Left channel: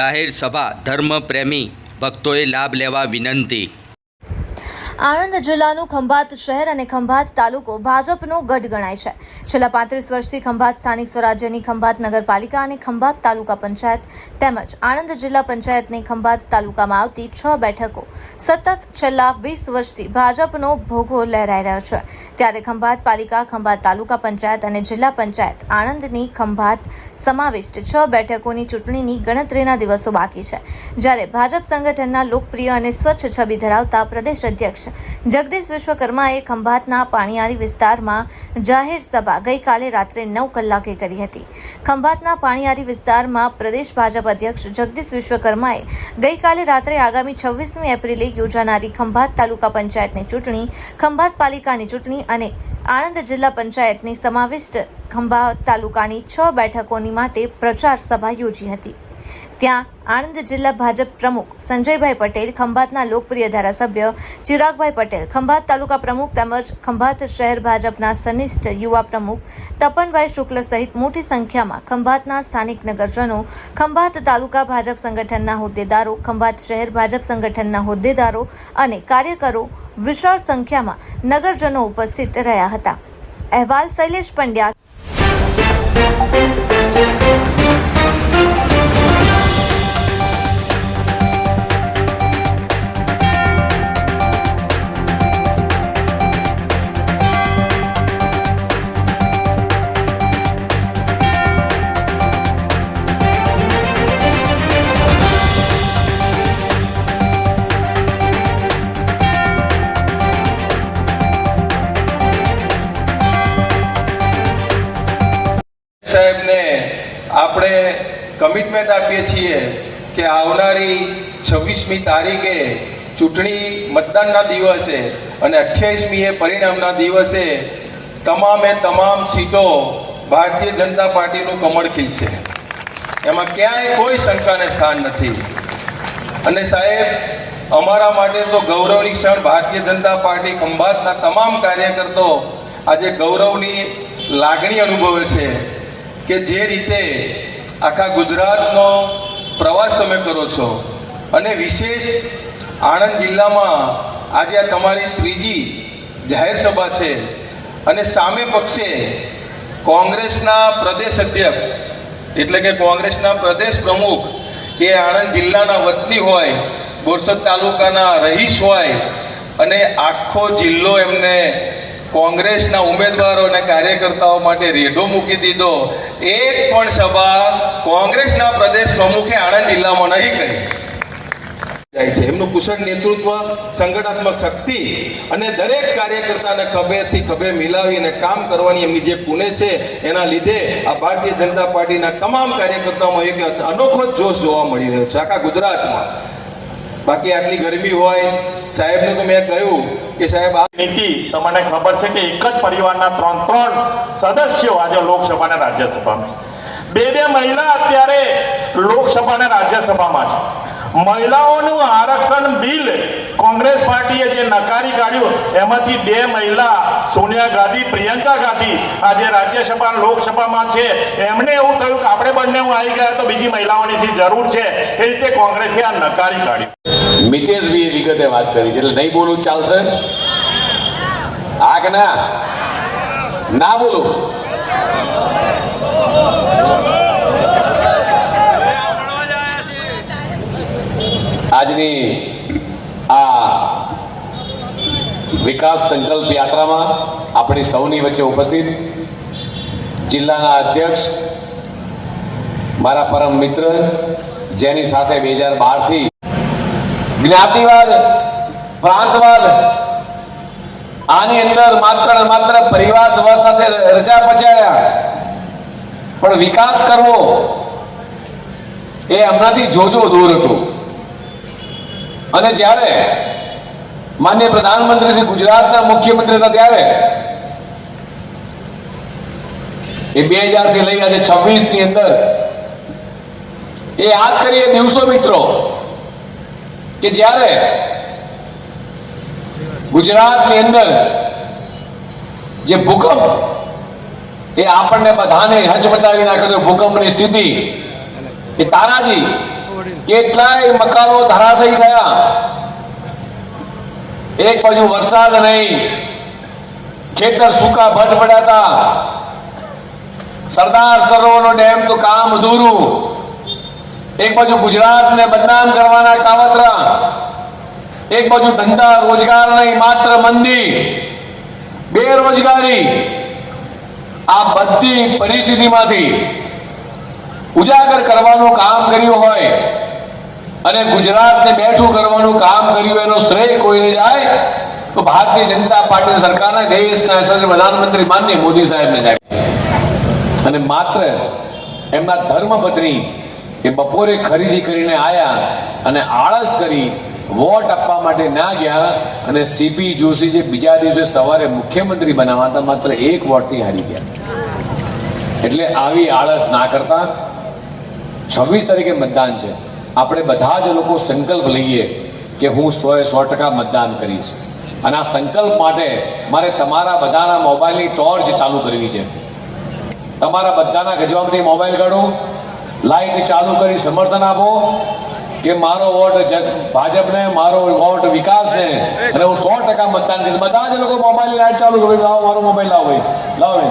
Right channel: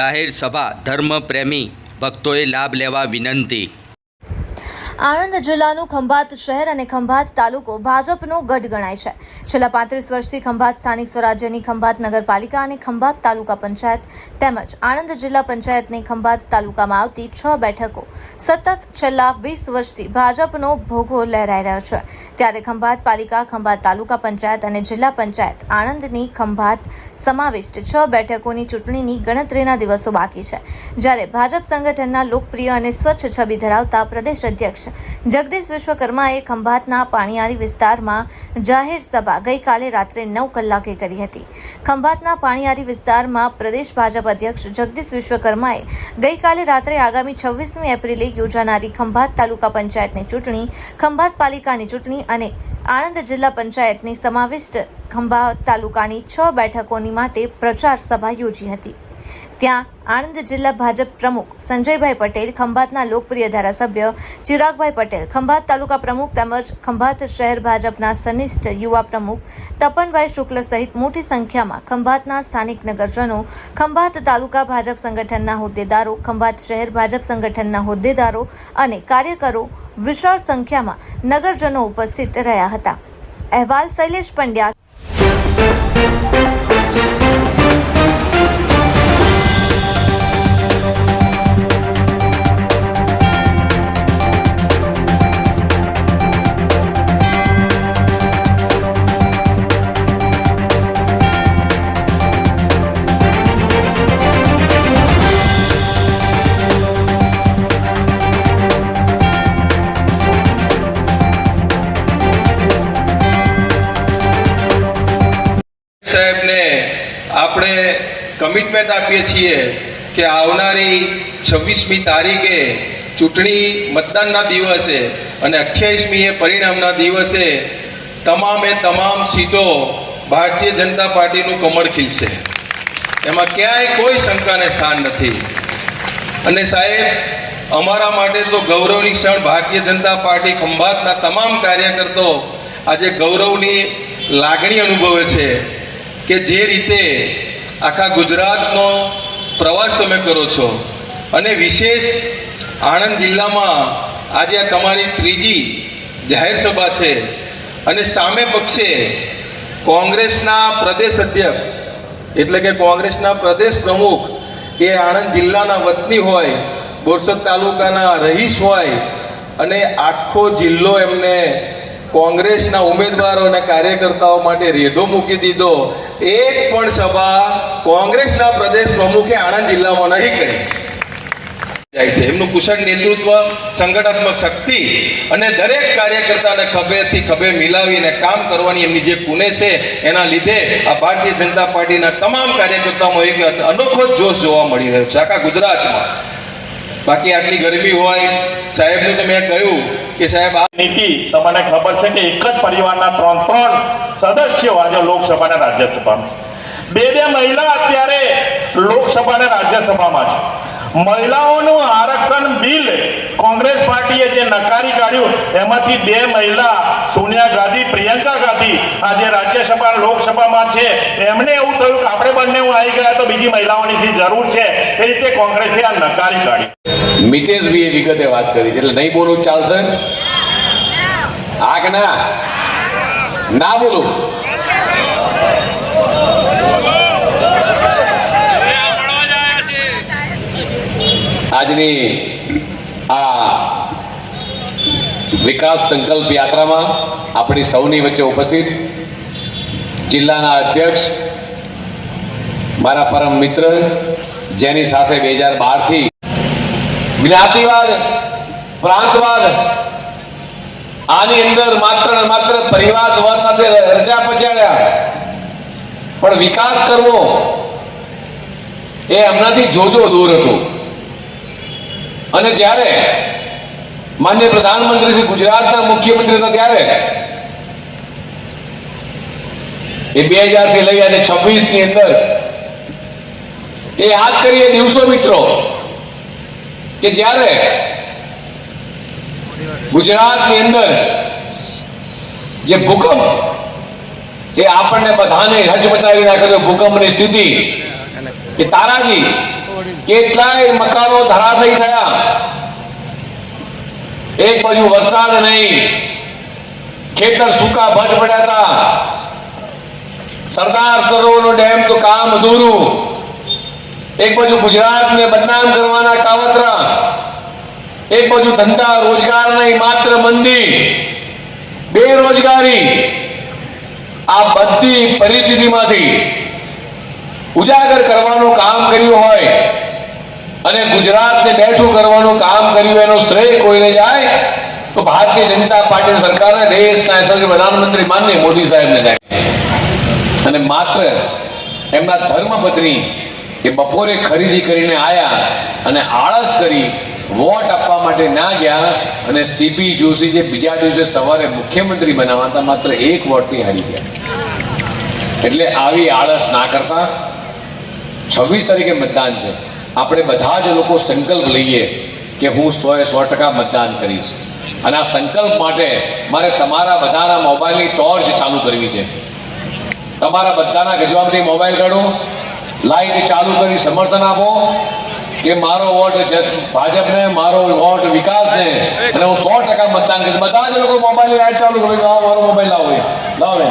જાહેર સભા ધર્મપ્રેમી ભક્તોએ લાભ લેવા વિનંતી। આણંદ જિલ્લાનું ખંભાત શહેર અને ખંભાત તાલુકો ભાજપનો ગઢ ગણાય છે। છેલ્લા 35 વર્ષથી ખંભાત સ્થાનિક સ્વરાજ્યની ખંભાત નગરપાલિકા અને ખંભાત તાલુકા પંચાયત તેમજ આણંદ જિલ્લા પંચાયતની ખંભાત તાલુકામાં આવતી 6 બેઠકો સતત છેલ્લા 20 વર્ષથી ભાજપનો ભોગો લહેરાઈ રહ્યો છે। ત્યારે ખંભાત પાલિકા, ખંભાત તાલુકા પંચાયત અને જિલ્લા પંચાયત આણંદની ખંભાત સમાવિષ્ટ 6 બેઠકોની ચૂંટણીની ગણતરીના દિવસો બાકી છે। જ્યારે ભાજપ સંગઠનના લોકપ્રિય અને સ્વચ્છ છબી ધરાવતા પ્રદેશ અધ્યક્ષ જગદીશ વિશ્વકર્માએ ખંભાતના પાણીયારી વિસ્તારમાં જાહેર સભા ગઈકાલે રાત્રે 9 કલાકે કરી હતી। ખંભાતના પાણીયારી વિસ્તારમાં પ્રદેશ ભાજપ અધ્યક્ષ જગદીશ વિશ્વકર્માએ ગઈકાલે રાત્રે આગામી 26મી એપ્રિલે યોજાનારી ખંભાત તાલુકા પંચાયતની ચૂંટણી, ખંભાત પાલિકાની ચૂંટણી અને આણંદ જિલ્લા પંચાયતની સમાવિષ્ટ ખંભાત તાલુકાની 6 બેઠકોની માટે પ્રચાર સભા યોજી હતી। ત્યાં આણંદ જિલ્લા ભાજપ પ્રમુખ સંજયભાઈ પટેલ, ખંભાતના લોકપ્રિય ધારાસભ્ય ચિરાગભાઈ પટેલ, ખંભાત તાલુકા પ્રમુખ તેમજ ખંભાત શહેર ભાજપના સનિષ્ઠ યુવા પ્રમુખ તપનભાઈ શુક્લ સહિત મોટી સંખ્યામાં ખંભાતના સ્થાનિક નગરજનો, ખંભાત તાલુકા ભાજપ સંગઠનના હોદ્દેદારો, ખંભાત શહેર ભાજપ સંગઠનના હોદ્દેદારો અને કાર્યકરો વિશાળ સંખ્યામાં નગરજનો ઉપસ્થિત રહ્યા હતા। અહેવાલ શૈલેષ પંડ્યા। સાહેબને આપણે કમિટમેન્ટ આપીએ છીએ કે આવનારી 26મી તારીખે ચૂંટણી મતદાનના દિવસે અને 28મીએ પરિણામના દિવસે તમામ સીટો ભારતીય જનતા પાર્ટીનું કમળ ખીલશે। એમાં ક્યાંય કોઈ શંકાને સ્થાન નથી। અને સાહેબ, અમારા માટે તો ગૌરવની ક્ષણ, ભારતીય જનતા પાર્ટી ખંભાતના તમામ કાર્યકર્તાઓ આજે ગૌરવની લાગણી અનુભવે છે કે જે રીતે આખા ગુજરાતનો પ્રવાસ તમે કરો છો અને વિશેષ આણંદ જિલ્લામાં આજે આ તમારી 3જી જાહેર સભા છે અને સામે પક્ષે કોંગ્રેસના પ્રદેશ અધ્યક્ષ એટલે કે કોંગ્રેસના પ્રદેશ પ્રમુખ એ આણંદ જિલ્લાના વતની હોય, બોરસદ તાલુકાના રહીશ હોય અને આખો જિલ્લો એમને કોંગ્રેસના ઉમેદવારો અને કાર્યકર્તાઓ માટે રેઢો મૂકી દીધો। એક પણ સભા કોંગ્રેસના પ્રદેશ પ્રમુખે આણંદ જિલ્લામાં નહીં કરી જાય છે। એમનું કુશળ નેતૃત્વ, સંગઠનાત્મક શક્તિ અને દરેક કાર્યકર્તાને ખભેથી ખભે મિલાવીને કામ કરવાની એમની જે પુણે છે એના લીધે આ ભારતીય જનતા પાર્ટીના તમામ કાર્યકર્તાઓમાં એક અનોખો જોશ જોવા મળી રહ્યો છે આખા ગુજરાતમાં। બાકી આટલી ગરમી હોય, સાહેબને તો મેં કહ્યું કે સાહેબ આ નીતિ તમને ખબર છે કે એક જ પરિવારના 3 સદસ્યો આજે લોકસભા અને રાજ્યસભામાં છે। 2 મહિલા અત્યારે લોકસભા અને રાજ્યસભામાં છે। મહિલાઓનું આરક્ષણ બિલ કોંગ્રેસ પાર્ટીએ જે નકારી કાઢ્યું એમાંથી 2 મહિલા સોનિયા ગાંધી, પ્રિયંકા ગાંધી આજે રાજ્યસભા લોકસભામાં છે। એમને એવું થયું કે આપણે બંને આવી ગયા તો બીજી મહિલાઓની શી જરૂર છે, એ રીતે કોંગ્રેસે આ નકારી કાઢી। મિતેશભાઈએ વિગતે વાત કરી છે એટલે નહીં બોલું ચાલશે? આ કે ના બોલું? આજની આ વિકાસ સંકલ્પ યાત્રામાં આપણી સૌની વચ્ચે ઉપસ્થિત જિલ્લાના અધ્યક્ષ, મારા પરમ મિત્ર, જેની સાથે 2012થી જ્ઞાતિવાદ, પ્રાંતવાદ, આની અંદર માત્ર પરિવારવાદ સાથે રચા પચાડ્યા, પણ વિકાસ કરવો એ હમણાંથી જોજો દૂર હતું। અને જ્યારે માન્ય પ્રધાનમંત્રી શ્રી ગુજરાતના મુખ્યમંત્રી હતા ત્યારે એ 2000 થી લઈ આજે 26 ની અંદર એ યાદ કરીએ દિવસો મિત્રો કે જ્યારે ગુજરાતની અંદર જે ભૂકંપ એ આપણને બધાને હચમચાવી નાખે ભૂકંપની સ્થિતિ એ તારાજી કેટલાય મકાનો ધરાશયી થયા. એક બાજુ વરસાદ નહીં, ખેતર સૂકા ભજ પડ્યા હતા. સરદાર સરોવરનો ડેમ તો કામ અધૂરું. એક બાજુ ગુજરાતને બદનામ કરવાના કાવતરા, એક બાજુ ધંધા રોજગાર નહીં, માત્ર મંદી, બેરોજગારી. આ બધી પરિસ્થિતિમાંથી ઉજાગર કરવાનું કામ કર્યું હોય અને ગુજરાતને બેઠું કરવાનું કામ કર્યું, એનો શ્રેય કોઈને જાય તો ભારતીય જનતા પાર્ટી સરકારના દેશના યશસ્વી પ્રધાનમંત્રી માનનીય મોદી સાહેબને જાય. અને માત્ર એમના ધર્મપત્ની એ બપોરે ખરીદી કરીને આયા અને આળસ કરી વોટ આપવા માટે ના ગયા અને સીપી જોશી જે બીજા દિવસે સવારે મુખ્યમંત્રી બનાવાતા માત્ર એક વોટથી હારી ગયા. એટલે આવી આળસ ના કરતા 26 તારીખે મતદાન છે. આપણે બધા જ લોકો સંકલ્પ લઈએ કે હું 100% મતદાન કરીશ. અને આ સંકલ્પ માટે મારે તમારા બધાના મોબાઈલની ટોર્ચ ચાલુ કરવી છે. તમારા બધાના ગજવામાંથી મોબાઈલ કાઢો, લાઈટ ચાલુ કરી સમર્થન આપો કે મારો વોટ ભાજપને, મારો વોટ વિકાસને, અને હું 100% મતદાન કરીશ. બધા જ લોકો મોબાઈલની લાઈટ ચાલુ કરી, મારો મોબાઈલ લાવો.